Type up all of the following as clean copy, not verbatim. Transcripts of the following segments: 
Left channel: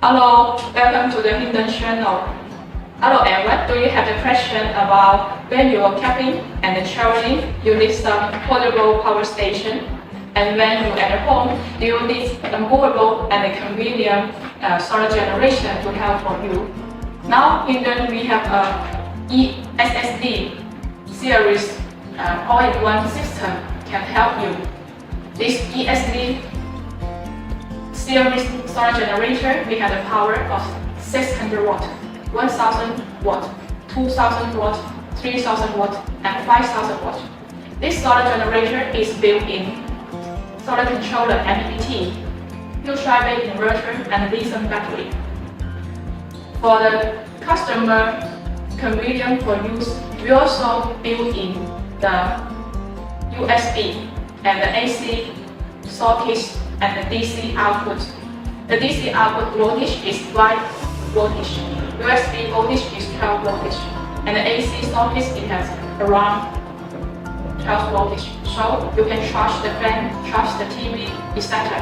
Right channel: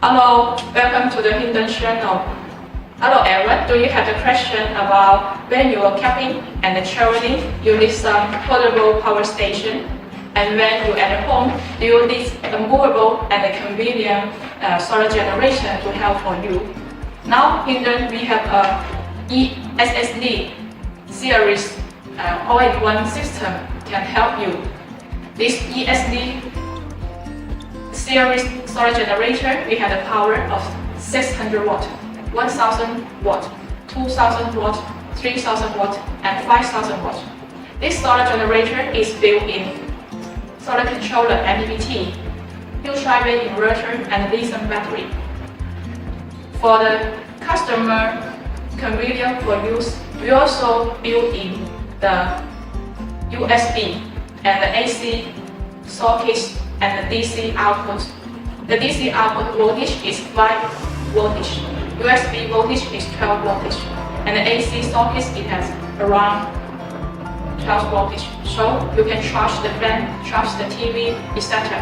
Hello, welcome to the Xindun channel. Hello everyone, do you have a question about when you are camping and traveling, you need some portable power station? And when you're at home, do you need a movable and a convenient solar generation to help for you? Now, Xindun, we have a ESS-LI series all-in-one system can help you. This ESS-LI series solar generator, we have a power of 600 watt, 1000 watt, 2000 watt, 3000 watt, and 5000 watt. This solar generator is built in solar controller MPPT, full-drive inverter, and lithium battery. For the customer convenience for use, we also built in the USB and the AC sockets and the DC output. The DC output voltage is 5 voltage, USB voltage is 12 voltage, and the AC socket it has around 12 voltage. So you can charge the fan, charge the TV, etc.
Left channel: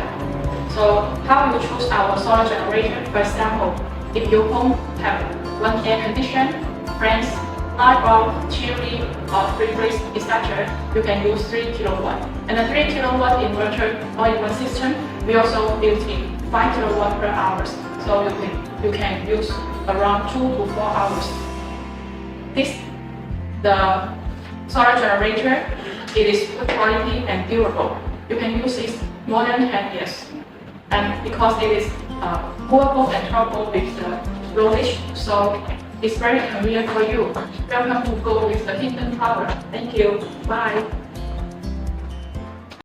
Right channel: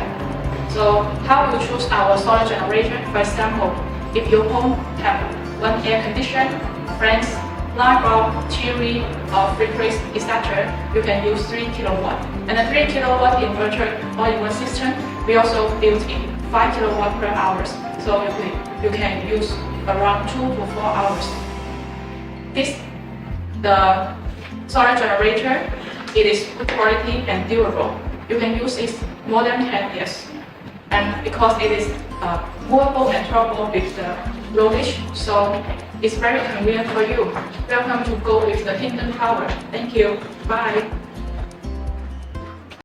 So how you choose our solar generator? For example, if your home have one air conditioner, fans, light bulb, TV, or fridge, etc., you can use 3 kilowatt. And the 3 kilowatt inverter all-in-one system, we also built in 5 kilowatt per hour, so you can use around 2 to 4 hours. The solar generator, it is good quality and durable. You can use it more than 10 years. And because it is movable and trouble with the voltage, so it's very convenient for you. Welcome to go with the Xindun power. Thank you. Bye.